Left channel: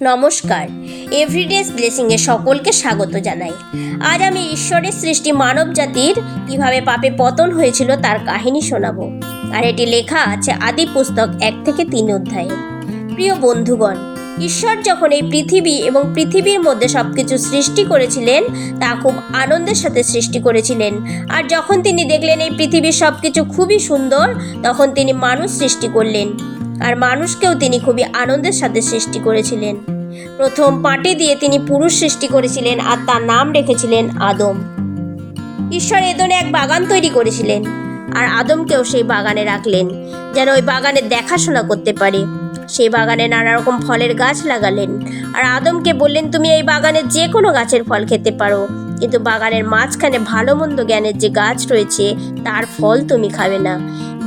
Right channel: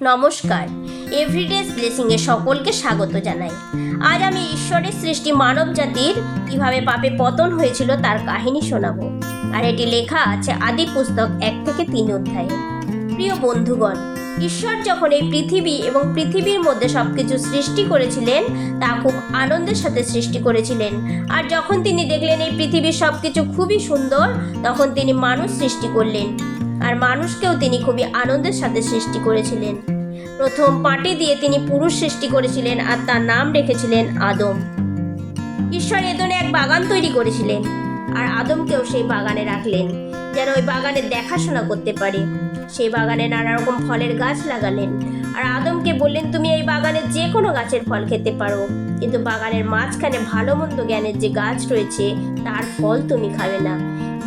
নমস্কার, এভরিডেজ ব্লেসিংয়ে সকলকে স্বাগত জানাই। আজ আমি ঈশ্বরের সৃষ্টি মানব জাতির কীভাবে পাপে পতন হয়েছিল তার কাহিনী শোনাবো। আর এটি লেখা আছে আদি পুস্তক 1-3 অধ্যায়ে। প্রিয় বন্ধুগণ, ঈশ্বর যখন এই পৃথিবী এবং পৃথিবীর মধ্যে সব কিছু সৃষ্টি করেছিলেন তা খুব আনন্দের সাথে সৃষ্টি করেছিলেন। আর যখন তিনি দেখলেন এই পৃথিবীর সব কিছু খুবই সুন্দর, তখন তিনি মানুষ সৃষ্টি করলেন। আর মানুষকেও তিনি খুবই আনন্দের সাথে সৃষ্টি করেছিলেন। প্রথম মাটি দিয়ে তিনি পুরুষ সৃষ্টি করেছিলেন আর তার নাম রেখেছিলেন আদম। ঈশ্বর এদনে এক বাগান তৈরি করেছিলেন আর আদমকেও সেই বাগানে রাখলেন, যেন ওই বাগানের দেখাশোনা করতে পারে। সেই বাগানে নানা রকম ফলের গাছ লাগালেন আর আদমকে বললেন, তুমি এই বাগানের যে কোনো গাছের ফল খেতে পারো, কিন্তু বাগানের মাঝখানে ভালো মন্দ জ্ঞানের যে গাছ রয়েছে তার ফল তুমি খাবে না।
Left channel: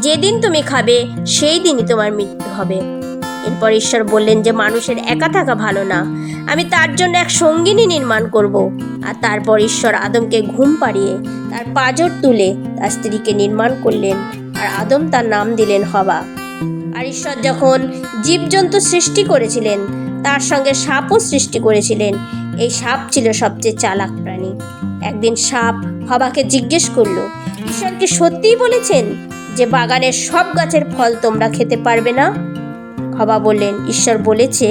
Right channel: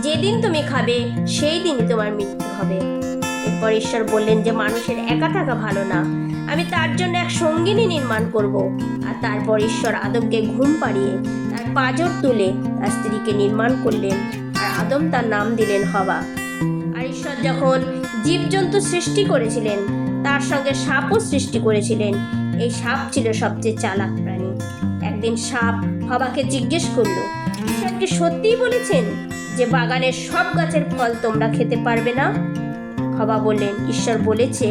যেদিন তুমি খাবে সেই দিনই তোমার মৃত্যু হবে। এরপর ঈশ্বর বললেন যে মানুষের একা থাকা ভালো না, আমি তার জন্য এক সঙ্গিনী নির্মাণ করব। আর তারপর ঈশ্বর আদমকে ঘুম পাড়িয়ে তার পাঁজর তুলে তার স্ত্রীকে নির্মাণ করলেন আর আদম তার নাম দিলেন হওয়া। আর ঈশ্বর যখন জীবজন্তু সৃষ্টি করেছিলেন তার সঙ্গে সাপও সৃষ্টি করেছিলেন। এই সাপ ছিল সবচেয়ে চালাক প্রাণী। একদিন সাপ হওয়াকে জিজ্ঞেস করলো, ঈশ্বর কি সত্যিই বলেছেন যে বাগানের সব গাছের ফল তোমরা খেতে পারবে না? হওয়া বললেন, ঈশ্বর বলেছে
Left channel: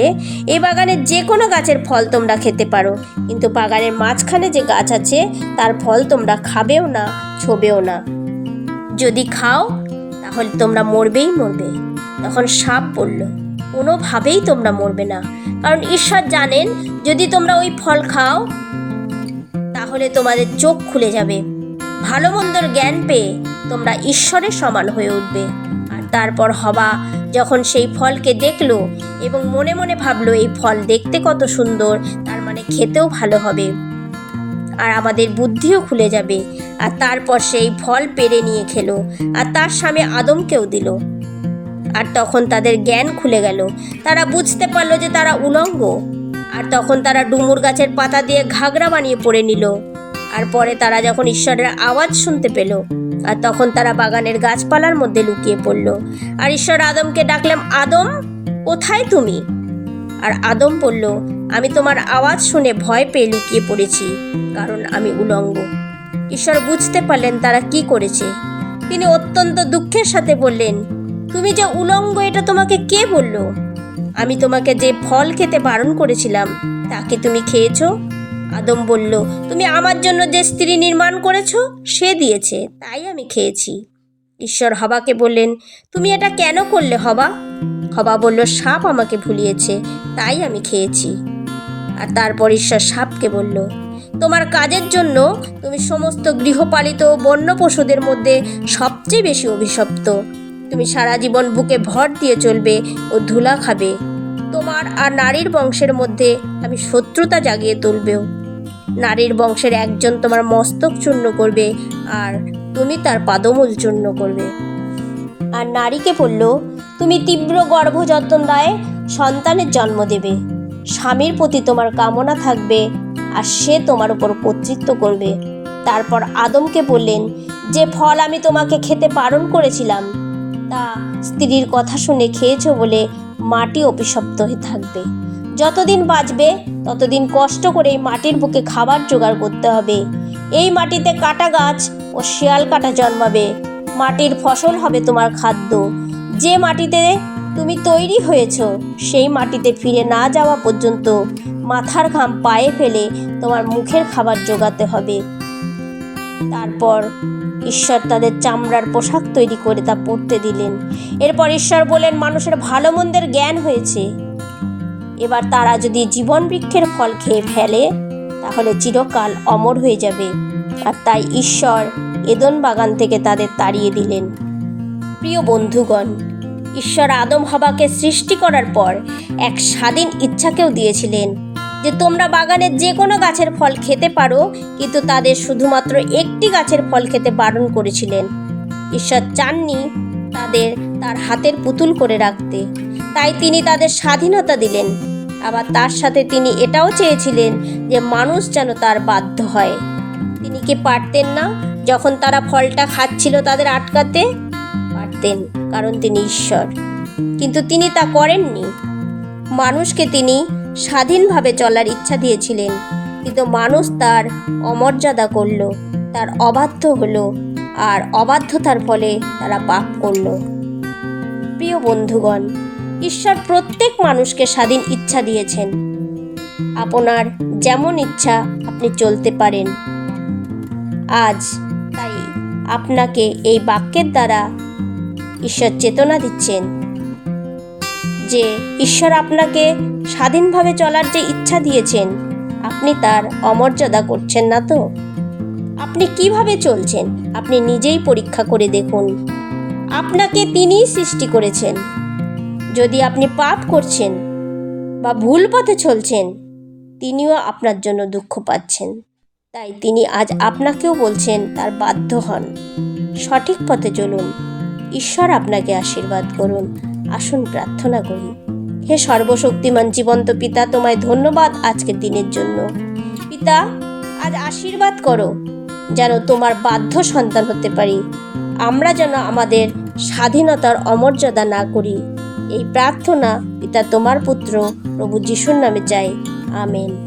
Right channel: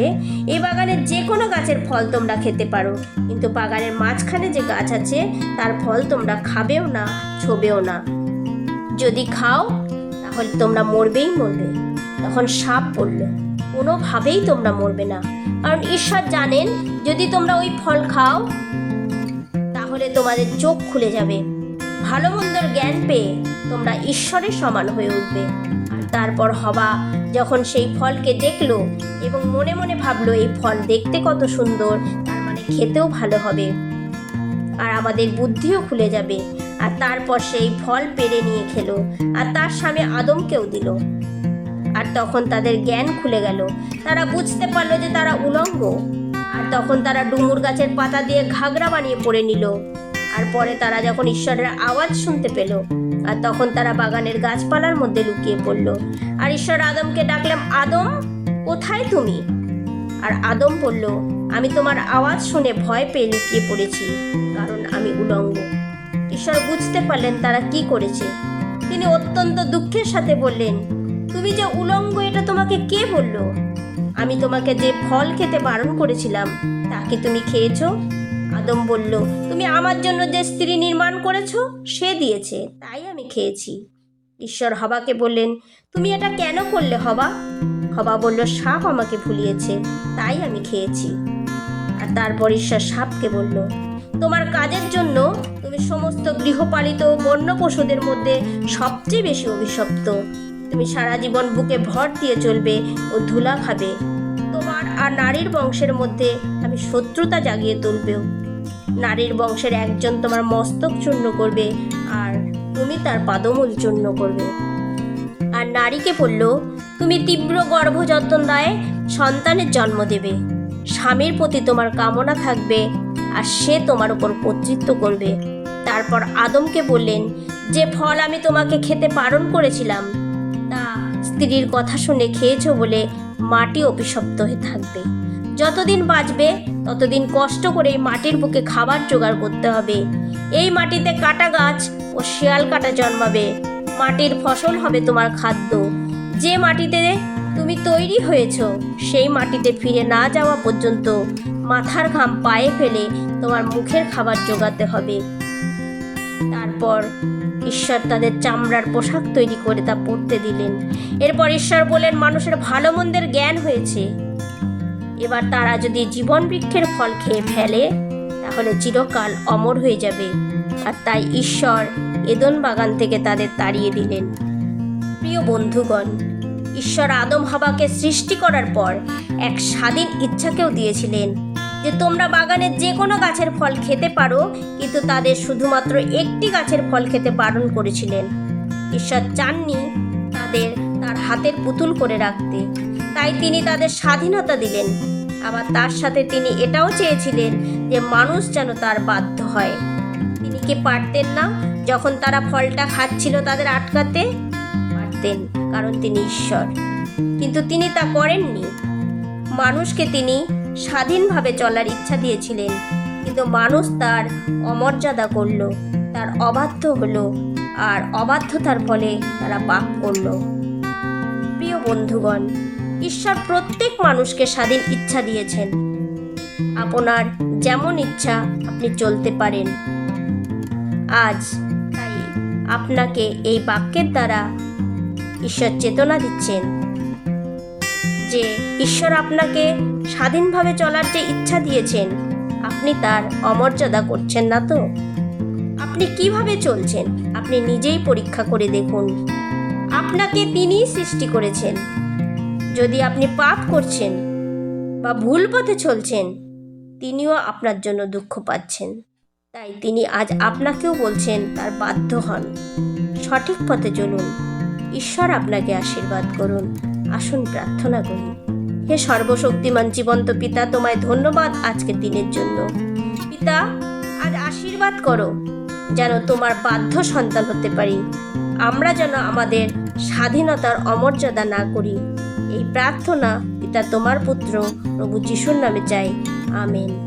এই বাগানের যে কোনো গাছের ফল তোমরা খেতে পারো, কিন্তু বাগানের মাঝখানে যে গাছ আছে তার ফল তোমরা খাবেও না, ছোবেও না। যদি খাও তাহলে তোমরা মরবেই মরবে। তখন সাপ বলল, কোনোভাবেই তোমরা মরবে না, কারণ ঈশ্বর জানেন যদি তোমরা ওই ফল খাও তাহলে তোমাদের চোখ খুলে যাবে, ভালো মন্দর জ্ঞান পেয়ে তোমরা ঈশ্বরের সমান হয়ে উঠবে। আর তারপর হওয়া যখন সেই ফলকে দেখলো এবং মনে মনে ভাবলো এই ফল দেখতে কত সুন্দর, তার মানে খেতেও ভালো হবে আর আমাদের বুদ্ধিও খুলে যাবে। আর তারপর সেই ফল পেড়ে নিয়ে খেলো আর তার স্বামী আদমকেও দিল। আর তখন তাদের জ্ঞান খুলে গেল, তারা বুঝতে পারলো যে তারা উলঙ্গ। আর তখন তারা ডুমুর গাছের পাতা দিয়ে ঘাগরা বানিয়ে পরে নিল। আর পরে তারা যখন ঈশ্বরের আওয়াজ শুনতে পেল, আর তখন তারা বাগানের গাছপালার মধ্যে লুকিয়ে পড়ল। আর ঈশ্বর আদমকে ডাকলাম, আদম কোথায় তুমি? আর আদম বলল, আমি তোমার আওয়াজ শুনে ভয় পেয়ে লুকিয়ে পড়েছি, কারণ আমি উলঙ্গ। ঈশ্বর বুঝতে পারলেন তারা কি করেছে। তিনি অত্যন্ত দুঃখের সাথে বললেন, তুমি যে উলঙ্গ এটা তোমাকে কে বলল? আমি তোমাকে যে ফল খেতে বারণ করেছিলাম তা কি তুমি খেয়েছো? আদম বলল, তুমি আমার জন্য যে স্ত্রী নির্মাণ করেছো সে দিয়েছে, তাই আমি খেয়েছি। ঈশ্বর হওয়াকে বললেন, তুমি এটা কেন করলে হওয়া? হওয়া বলল, সাপ আমাকে ভুলিয়েছে, তাই আমি খেয়েছি। আর তারপর ঈশ্বর সাপকে বলল, তোমার কাজের জন্য তুমি সমস্ত গৃহপালিত বন্য পশুদের মধ্যে সবচেয়ে বেশি অভিশপ্ত। তুমি সারা জীবন বুকে ভর দিয়ে চলবে ও ধুলা খাবে। তোমার আর নারীর বংশের মধ্যে আমি শত্রুতা জাগিয়ে তুলবেও। নারীর বংশের একজন তোমার মস্তক চূর্ণ করবে আর তুমি তার পাদমূল চূর্ণ করবে। আর নারীকে বলল, তুমি তীব্র গর্ভযন্ত্রণায় সন্তানের জন্ম দেবে। স্বামীর প্রতি তোমার কামনা থাকবে আর সে তোমার উপর কর্তৃত্ব করবে। তারপর আদমকে বললেন, যে ফল আমি তোমাকে খেতে বারণ করেছিলাম তা স্ত্রীর কথা শুনে খেয়েছো বলে মাটি অভিশপ্ত হয়ে থাকবে। যতদিন বাঁচবে ততদিন কষ্ট করে এই মাটির বুকে খাবার জোগাড় করতে হবে। এই মাটিতে কাটা গাছ ও শিয়াল কাটা জন্মাবে। মাটির ফসল হবে তোমার খাদ্য। যে মাটিতে তুমি তৈরি হয়েছো সেই মাটিতে ফিরে না যাওয়া পর্যন্ত মাথার ঘাম পায়ে ফেলে তোমার মুখের খাবার জোগাতে হবে। তারপর ঈশ্বর তাদের চামড়ার পোশাক তৈরি করে তা পরতে দিলেন। এরপর ঈশ্বর বললেন, মানুষের ভালো মন্দের জ্ঞান হয়েছে, এবার তারা যদি জীবন বৃক্ষের ফল খেয়ে ফেলে তাহলে চিরকাল অমর হয়ে যাবে। আর তাই ঈশ্বর এদন বাগান থেকে তাদের তাড়িয়ে দিলেন। প্রিয় বন্ধুগণ, ঈশ্বর আদম হওয়াকে সৃষ্টি করার পর এক স্বাধীন ইচ্ছাকেও দিয়েছিলেন যে তোমরা বাগানের যে কোনো গাছের ফল খেতে পারো, কিন্তু তাদের শুধুমাত্র একটি গাছের ফল খেতে বারণ করেছিলেন। ঈশ্বর চাননি তাদের তার হাতের পুতুল করে রাখতে, তাই তিনি তাদের স্বাধীনতা দিলেন। আবার তার সাথে তিনি এটাও চেয়েছিলেন যে মানুষ যেন তার বাধ্য হয়। তিনি কি পারতেন না যখন তারা ফলটা খাচ্ছিল তাদের আটকাতে? পারতেন, কারণ তিনি ঈশ্বর। কিন্তু তিনি তা করেননি। মানুষকে তিনি স্বাধীনভাবে চলার ইচ্ছা দিয়েছিলেন, কিন্তু মানুষ তার অমর্যাদা করল, তার অবাধ্য হলো, আর অবাধ্যতার ফলে তারা পাপ করল। প্রিয় বন্ধুগণ, ঈশ্বর প্রত্যেক মানুষকে স্বাধীন ইচ্ছা দিয়েছেন। আপনার যেমন ইচ্ছা আপনি চলতে পারেন। আজ তাই আপনাকে এই বাক্যের দ্বারা ঈশ্বর চেতনা দিচ্ছেন যে ঈশ্বর আপনাকে স্বাধীনভাবে চলার যে ইচ্ছা দিয়েছেন, আপনি তার অমর্যাদা করছেন না তো? আপনি কিভাবে চলছেন আপনি নিজেই পরীক্ষা করে দেখুন। আপনাকে তিনিই সৃষ্টি করেছেন। যদি আপনি পাপ করছেন বা ভুল পথে চলছেন, তিনিও আপনার জন্য দুঃখ পাচ্ছেন। তাই তিনি আজ আপনাকেও বলছেন তার বাধ্য হন, সঠিক পথে চলুন। ঈশ্বর আপনাকে আশীর্বাদ করুন। আসুন প্রার্থনা করি। হে সর্বশক্তিমান জীবন্ত পিতা, তোমায় ধন্যবাদ আজকের দিনের জন্য। পিতা, আজ আশীর্বাদ করো যেন তোমার বাধ্য সন্তান হতে পারি। আমরা যেন আমাদের স্বাধীনতার অমর্যাদা না করি। এই প্রার্থনা পিতা তোমার পুত্র প্রভু যিশুর নামে চাই। আমেন।